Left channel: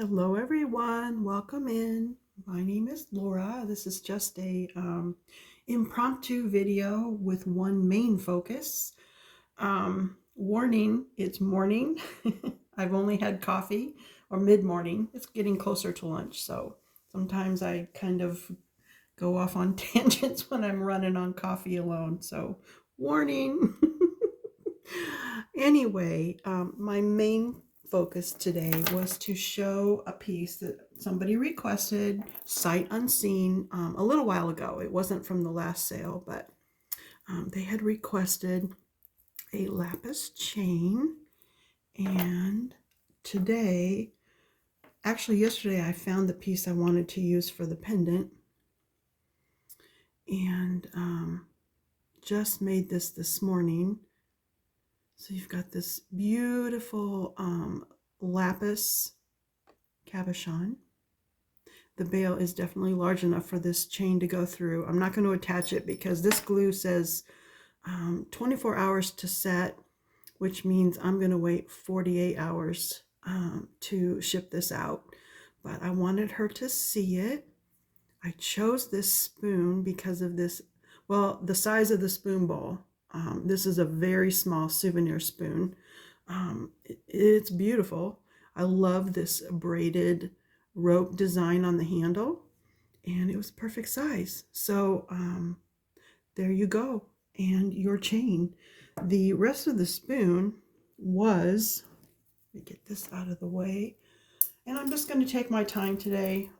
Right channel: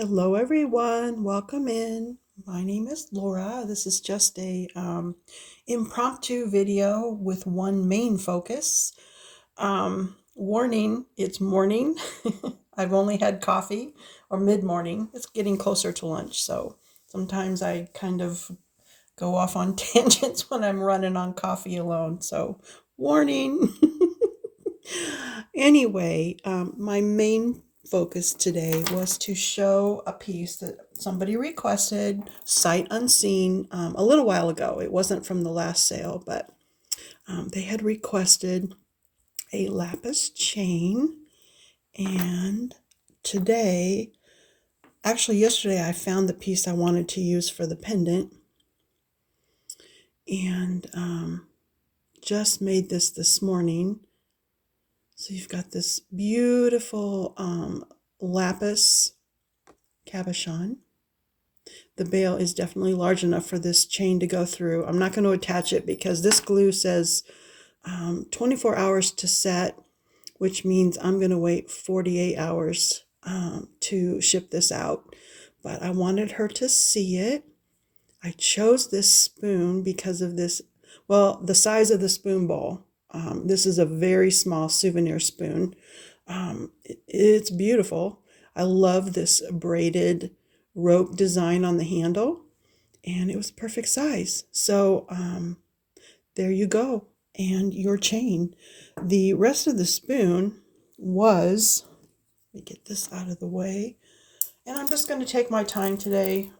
Hello everyone, welcome in. My name is Laura. This is just a impromptu video with one main focus. Warning, it's morning. I've only had coffee, or mid-morning. It's getting closer to lunch, so sometimes I kind of go off on tangents when I'm running on coffee alone, so warning. Anyway, my main focus today was to show a piece that somebody requested sight unseen a little while ago. It wasn't from the last sale, but they had requested a lapis chain. And today, actually yesterday, I found the piece I wanted to use for the pendant, and just made this morning. So you've got this beautiful lapis cabochon. The bail is definitely large enough for this chain to go through. I'm not going to attach it because this glue says 24 hours to set, which means I'm going to wait 48 hours to ship this out. But I wanted her to see it. I chose this spoon because of this, well, the size of the spoon bowl. This is a very small souvenir spoon. It's beautiful. I love this braided rope design on the handle, and it was perfect size. So there you go, and your chain. The rest of the spoon was, let me get this out of the way, and I'm just going to take my time today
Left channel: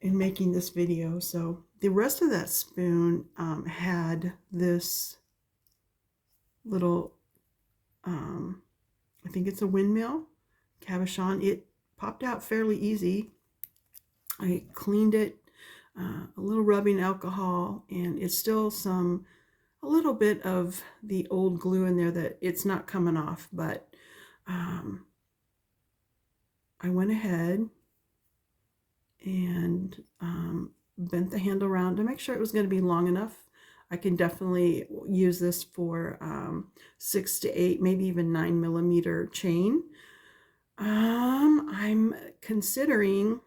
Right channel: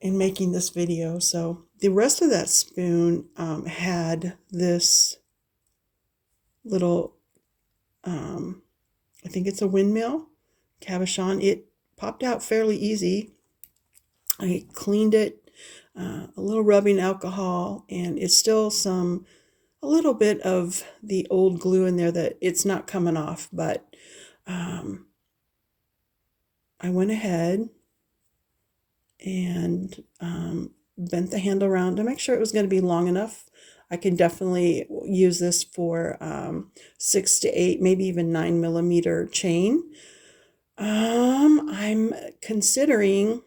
in making this video. So the rest of that spoon had this little, I think it's a windmill cabochon. It popped out fairly easy. I cleaned it, a little rubbing alcohol, and it's still a little bit of the old glue in there that it's not coming off, but I went ahead and bent the handle around to make sure it was going to be long enough. I can definitely use this for 6 to 8, maybe even 9 millimeter chain. I'm considering,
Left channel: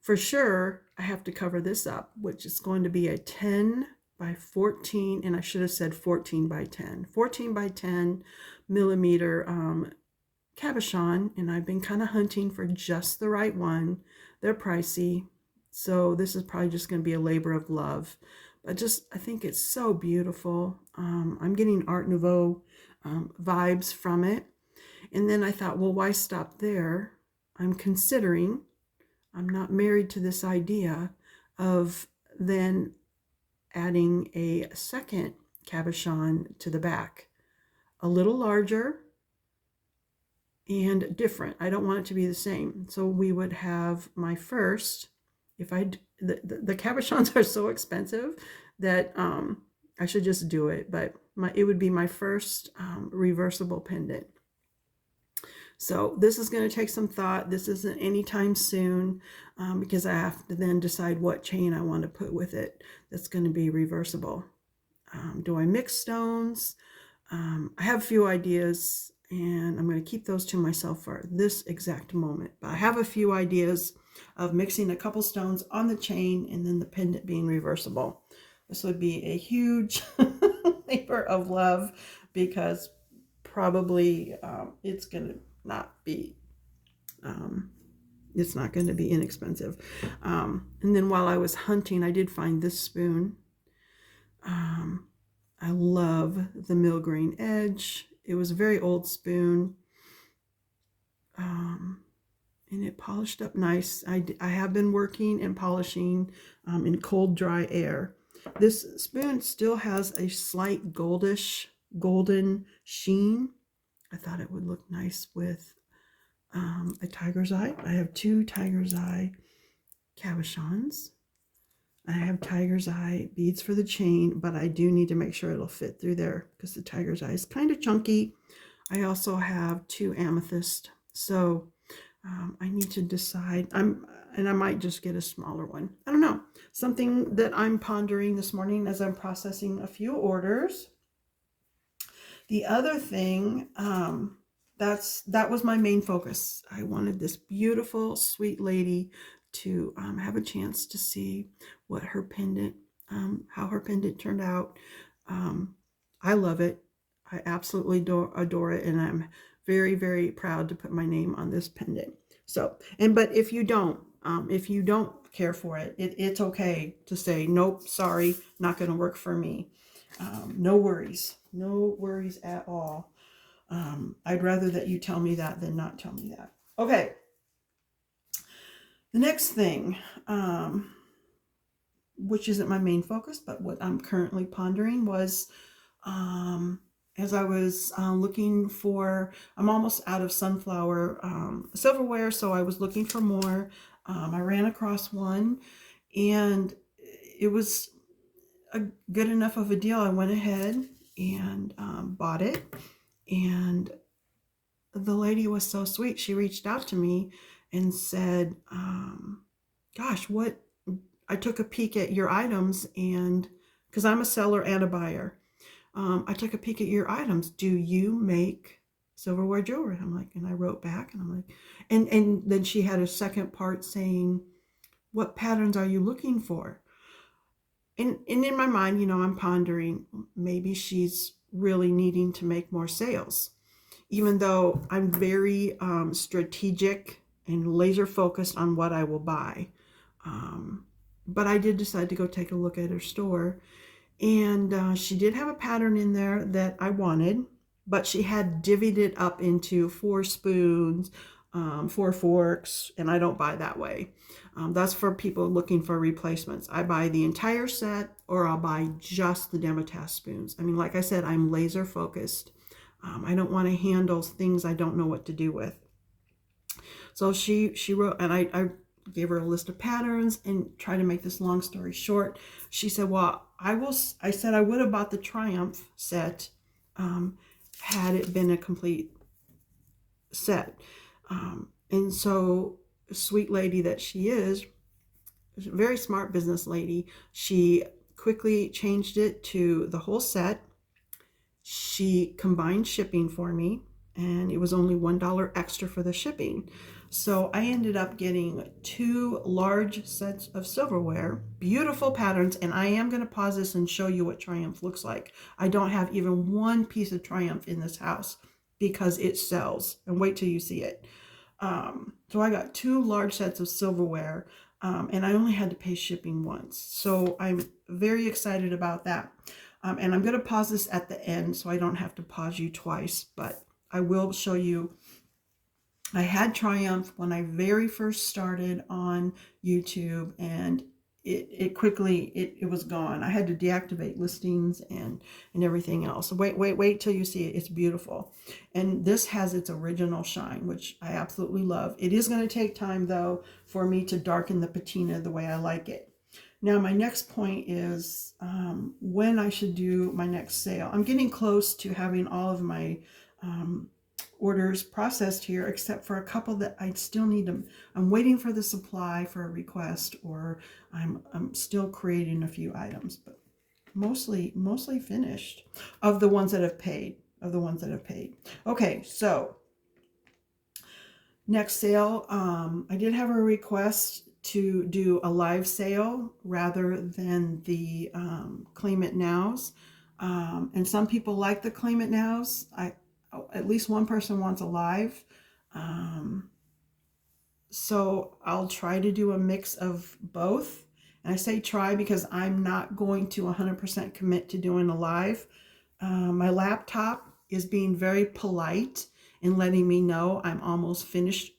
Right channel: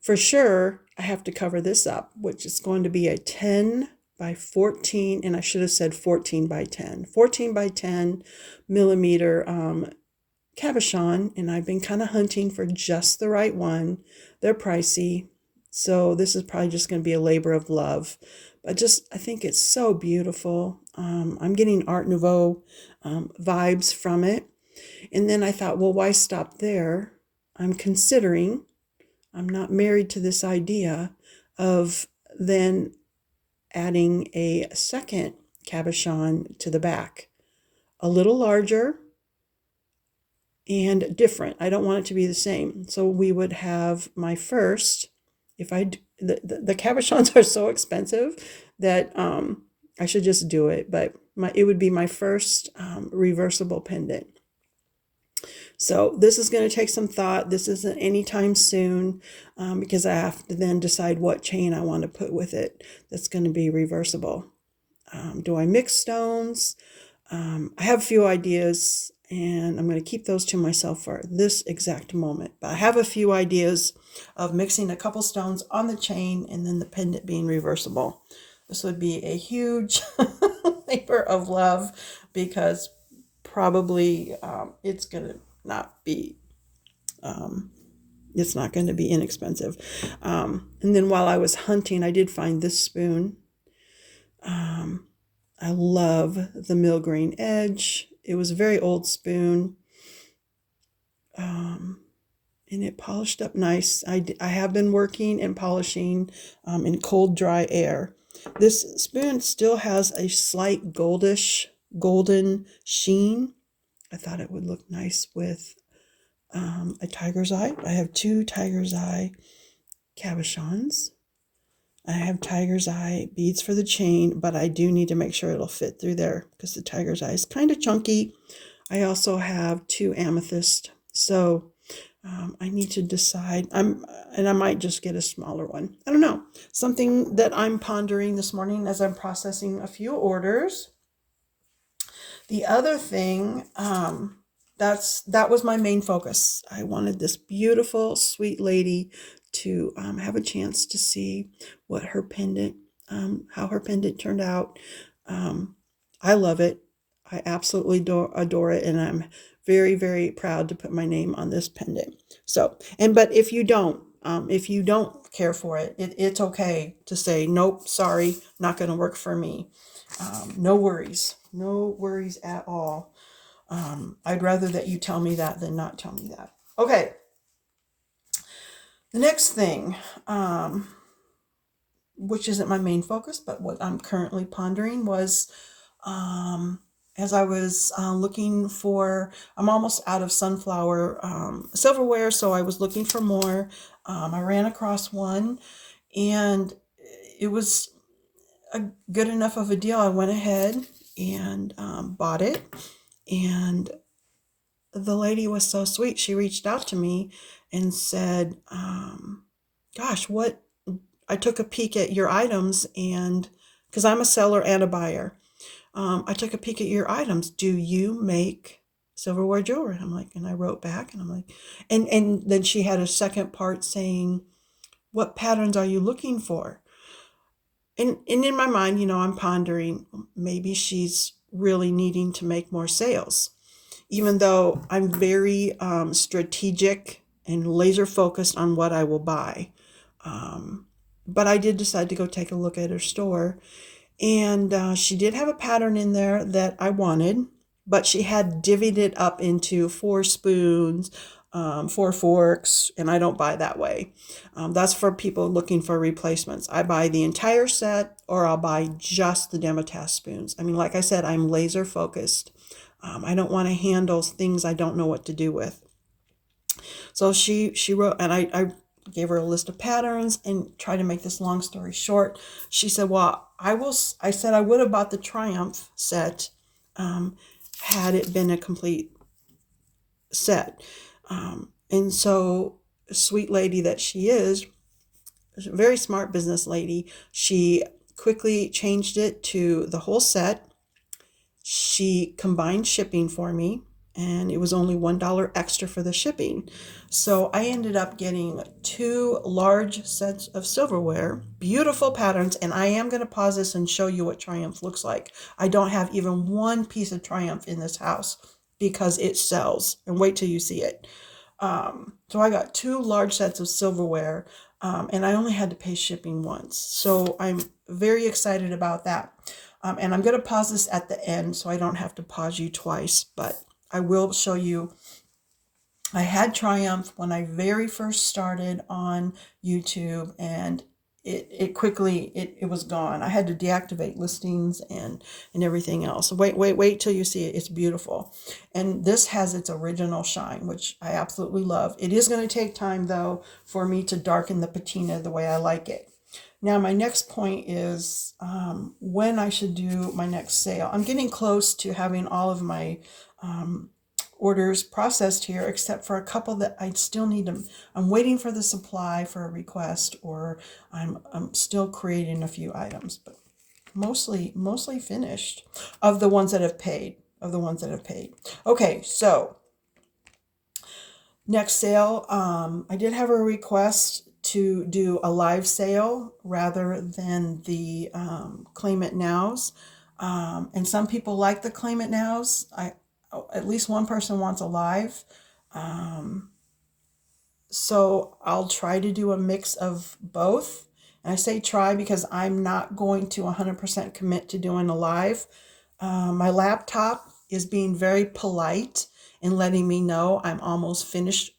for sure, I have to cover this up, which is going to be a 10 by 14, and I should have said 14 by 10. 14 by 10 millimeter cabochon, and I've been kind of hunting for just the right one. They're pricey, so this is probably just going to be a labor of love. But I think it's so beautiful. I'm getting Art Nouveau vibes from it. And then I thought, well, why stop there? I'm not married to this idea of then adding a second cabochon to the back. A little larger and different. I don't want it to be the same. So we would have my first, the cabochons are so expensive that I should just do it, but it would be my first reversible pendant. So this is going to take some thought. This isn't anytime soon because I have to then decide what chain I want to put with it that's going to be reversible. Do I mix stones? I have a few ideas, and I'm going to keep those to myself for this exact moment. But I have a few ideas of mixing a couple stones on the chain and then the pendant being reversible. This would be a huge labor of love because probably it's going to not be it's not going to be inexpensive. And then while I was hunting, I did find this spoon. I love the mill grain edge. It was a very old spoon, and it polished up nice. I have been working and polishing in cold, dry air. This spoon still has a slight golden sheen. I thought it would look nice with a tiger's eye. I have 2 tiger's eye cabochons. I have tiger's eye beads for the chain, but I do need to make sure it'll fit through there because the tiger's eye is kind of chunky. I also have 2 amethyst, so I need to decide. And I might just get a smaller one. I don't know. Something that I'm pondering this morning as I'm processing a few orders. The other thing that was my main focus. I wanted this beautiful, sweet lady to have a chance to see what her pendant, how her pendant turned out. I love it. I absolutely adore it, and I'm very, very proud to put my name on this pendant. So, but if you don't care for it, it's okay to say nope, sorry, not going to work for me. No worries, no worries at all. I'd rather that you tell me that than not tell me that. Okay. The next thing, which isn't my main focus, but what I'm currently pondering was, as I was looking for, I'm almost out of sunflower silverware, so I was looking for more. I ran across one, and it was a good enough of a deal. I went ahead and bought it, and the lady was so sweet. She reached out to me and said, gosh, what? I took a peek at your items, and because I'm a seller and a buyer, I took a peek at your items. Do you make silverware jewelry? I'm like, and I wrote back, and I'm like, and then she had a second part saying, what patterns are you looking for? And in my mind, I'm pondering, maybe she's really needing to make more sales, even though I'm very strategic and laser focused on what I will buy. But I did decide to go take a look at her store, and she did have a pattern in there that I wanted, but she had divvied it up into 4 spoons, 4 forks, and I don't buy that way. That's for people looking for replacements. I buy the entire set, or I'll buy just the Demotask spoons. I mean, like I said, I'm laser focused. I don't want to handle things I don't know what to do with. So she wrote, and I gave her a list of patterns and tried to make this long story short. She said, well, I said I would have bought the Triumph set had it been a complete set. And so, sweet lady that she is, a very smart business lady, she quickly changed it to the whole set. She combined shipping for me, and it was only $1 extra for the shipping. So I ended up getting 2 large sets of silverware, beautiful patterns, and I am going to pause this and show you what Triumph looks like. I don't have even one piece of Triumph in this house because it sells, and wait till you see it. So I got 2 large sets of silverware, and I only had to pay shipping once. So I'm very excited about that. And I'm going to pause this at the end so I don't have to pause you twice, but I will show you. I had Triumph when I very first started on YouTube, and it quickly, it was gone. I had to deactivate listings and everything else. Wait till you see it. It's beautiful. And this has its original shine, which I absolutely love. It is going to take time, though, for me to darken the patina the way I like it. Now, my next point is when I should do my next sale. I'm getting close to having all of my orders processed here, except for a couple that I still need them. I'm waiting for the supply for a request, or I'm still creating a few items, but mostly finished of the ones that have paid. Okay, so next sale, I did have a request to do a live sale rather than the Claim It Nows. And some people like the Claim It Nows. At least one person wants a live. So I'll try to do a mix of both. And I say try because I'm not going to 100% commit to doing a live. My laptop is being very polite and letting me know I'm almost finished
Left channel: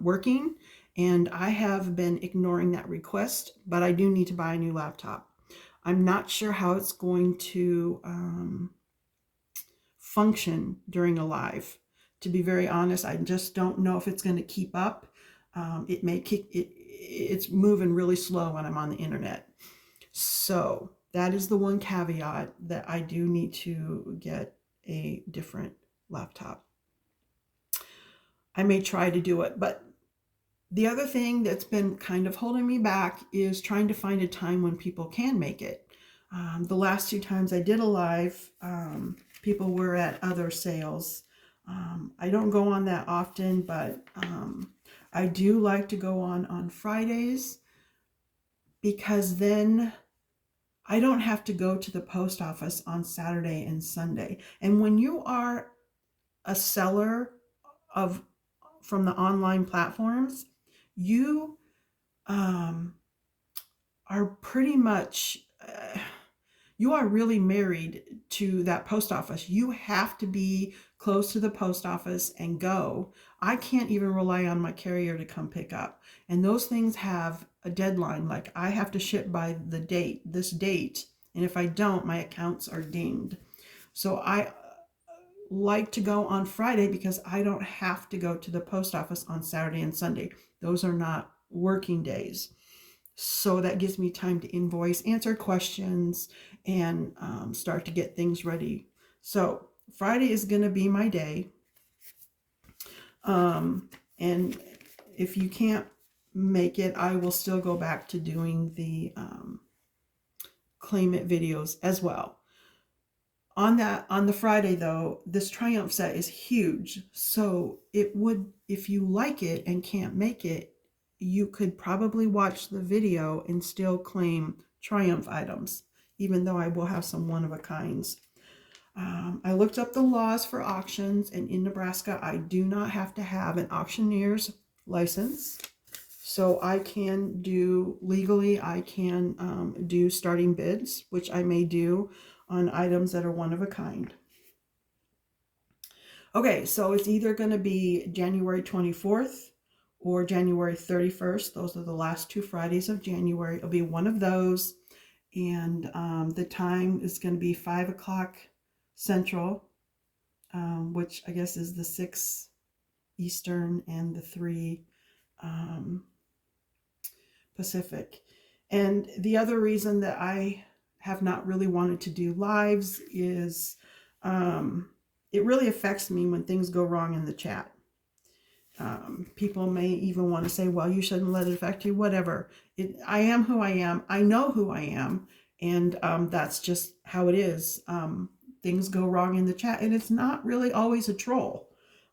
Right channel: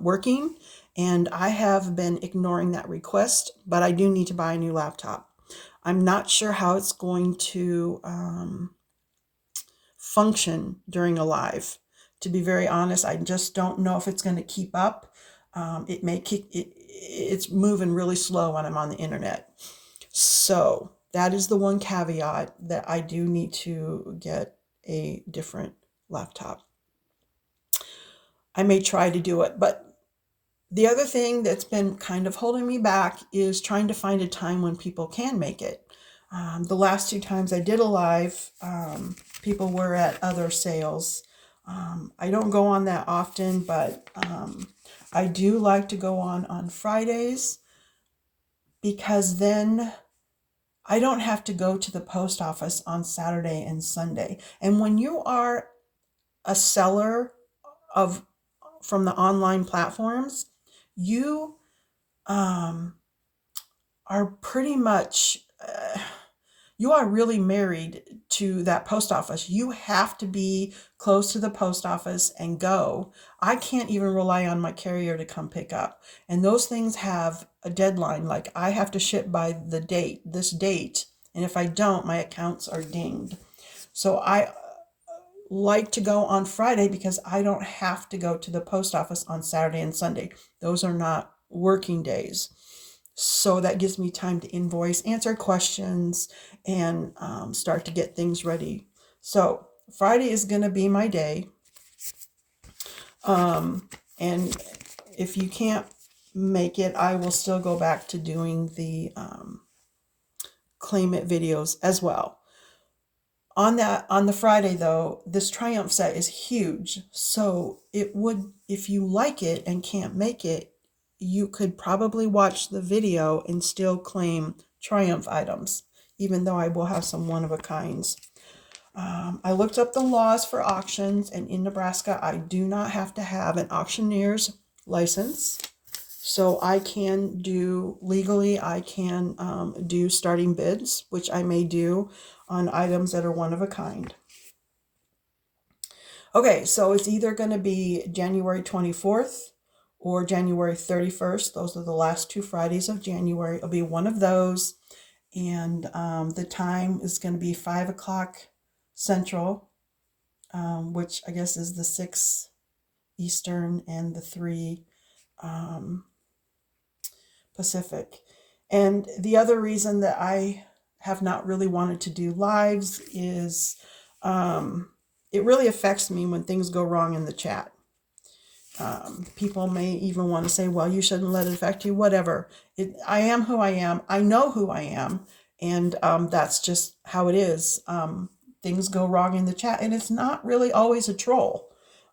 working. And I have been ignoring that request, but I do need to buy a new laptop. I'm not sure how it's going to function during a live. To be very honest, I just don't know if it's going to keep up. It's moving really slow when I'm on the internet. So that is the one caveat, that I do need to get a different laptop. I may try to do it, but the other thing that's been kind of holding me back is trying to find a time when people can make it. The last 2 times I did a live, people were at other sales. I don't go on that often, but I do like to go on Fridays, because then I don't have to go to the post office on Saturday and Sunday. And when you are a seller of from the online platforms, you um, are pretty much you are really married to that post office. You have to be close to the post office and go. I can't even rely on my carrier to come pick up. And those things have a deadline. Like, I have to ship by this date. And if I don't, my accounts are dinged. So I like to go on Friday because I don't have to go to the post office on Saturday and Sunday. Those are not working days. So that gives me time to invoice, answer questions, and start to get things ready. So Friday is going to be my day. And if you can't make it, I will still go back to doing the Claim It videos as well. On the Friday though, this Triumph set is huge. So it would, if you like it and can't make it, you could probably watch the video and still claim Triumph items, even though I will have some one-of-a-kinds. I looked up the laws for auctions, and in Nebraska, I do not have to have an auctioneer's license. So I can do, legally, I can do starting bids, which I may do on items that are one-of-a-kind. Okay, so it's either going to be January 24th or January 31st. Those are the last 2 Fridays of January. It'll be one of those. And the time is going to be 5 o'clock Central, which I guess is the 6 Eastern and the 3 Pacific. And the other reason that I have not really wanted to do lives is it really affects me when things go wrong in the chat. People may even want to say, well, you shouldn't let it affect you, whatever. I am who I am. I know who I am. And that's just how it is. Things go wrong in the chat, and it's not really always a troll.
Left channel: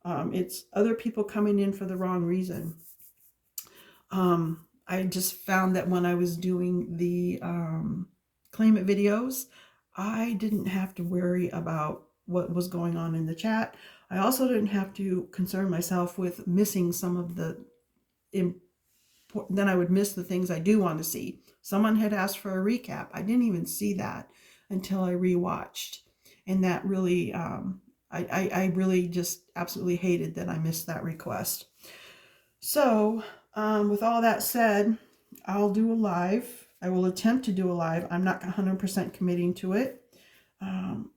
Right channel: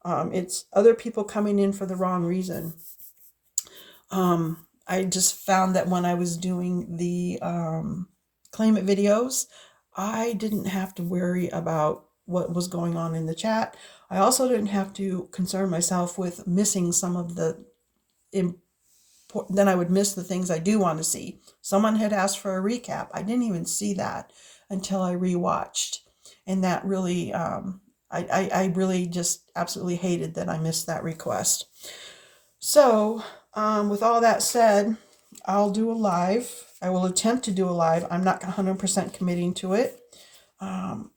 It's other people coming in for the wrong reason. I just found that when I was doing the Claim It videos, I didn't have to worry about what was going on in the chat. I also didn't have to concern myself with missing some of the then I would miss the things I do want to see. Someone had asked for a recap. I didn't even see that until I rewatched. And that really, I really just absolutely hated that I missed that request. So with all that said, I'll do a live. I will attempt to do a live. I'm not 100% committing to it.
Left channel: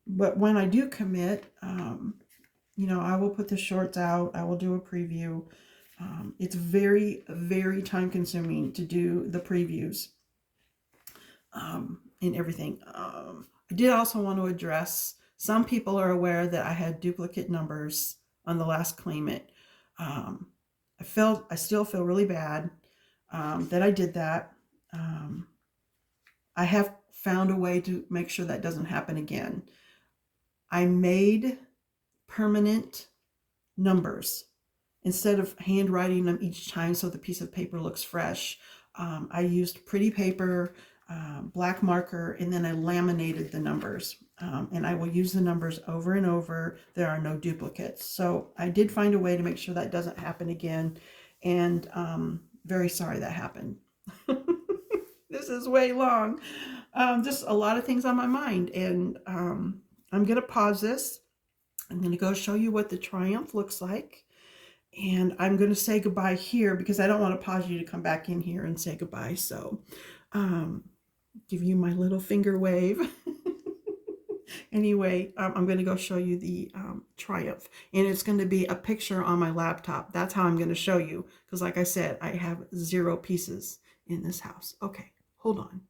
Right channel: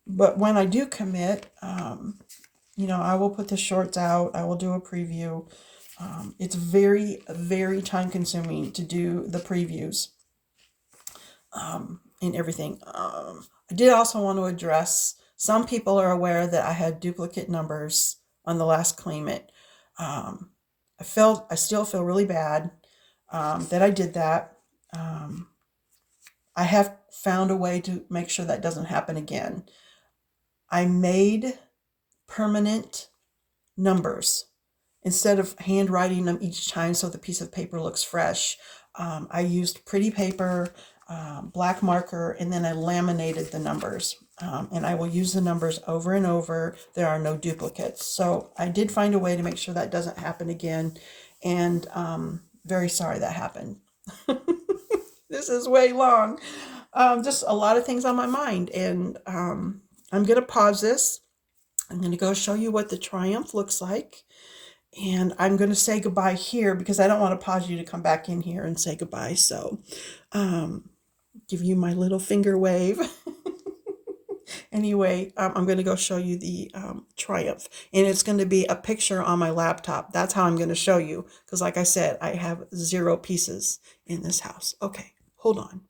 But when I do commit, I will put the shorts out. I will do a preview. It's very, very time consuming to do the previews and everything. I did also want to address, some people are aware that I had duplicate numbers on the last Claim It. I still feel really bad that I did that. I have found a way to make sure that doesn't happen again. I made permanent numbers instead of handwriting them each time so the piece of paper looks fresh. I used pretty paper, black marker, and then I laminated the numbers. And I will use the numbers over and over. There are no duplicates. So I did find a way to make sure that doesn't happen again. And very sorry that happened. This is way long. Just a lot of things on my mind. And I'm going to pause this. I'm going to go show you what the Triumph looks like. And I'm going to say goodbye here because I don't want to pause you to come back in here and say goodbye. So give you my little finger wave. Anyway, I'm going to go show you the Triumph. And it's going to be a picture on my laptop. That's how I'm going to show you. Because like I said, I have 0 pieces in this house. Okay, hold on.